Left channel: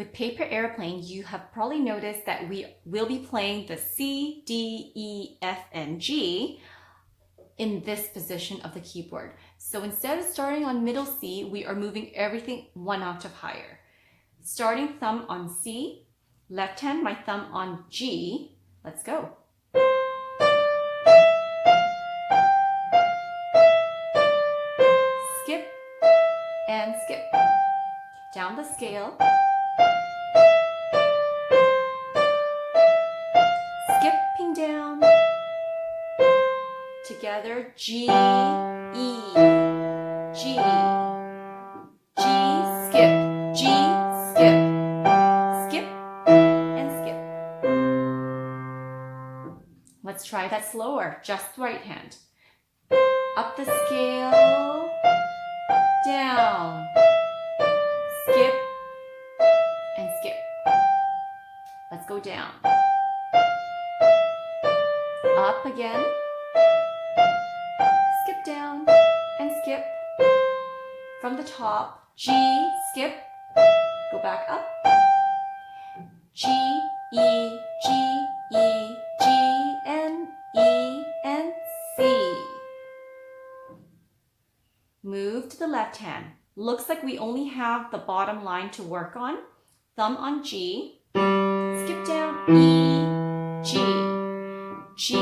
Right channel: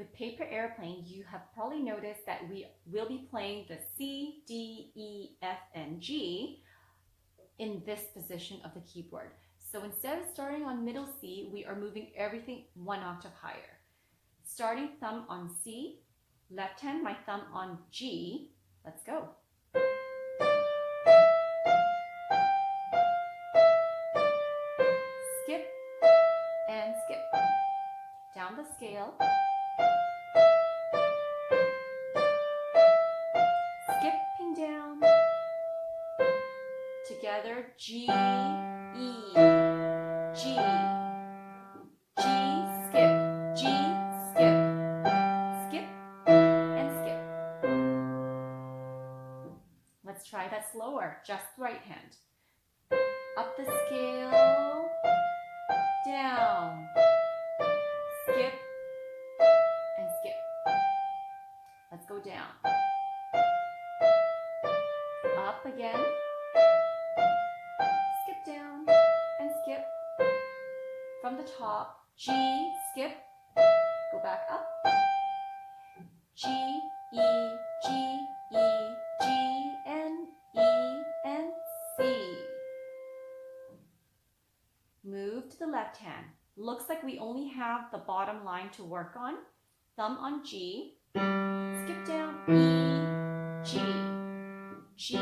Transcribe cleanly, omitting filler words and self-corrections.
With Paper Airplane, you have probably noticed that we will be playing the C, D, E, F, and G in this position of the keyboard. So instead of starting on middle C, we are moving everything one octave higher. Starting thumb on C, left hand, my thumb on G. Let's go. Skip and skip. Down the scale. Skipping down. Together, G, E, G, G, skip, G, skip, skip, and skip. Let's try that slower, just right hand. Up the scale, down, skip, and skip. Let's go down. Up again. Skip down and skip. From the top, G, skip, go back up. G, E, G, E, G, and E, and C. Move to the left hand. Looks like we only have the bottom line to work on. Thumb on G. Skip down, E, G, G,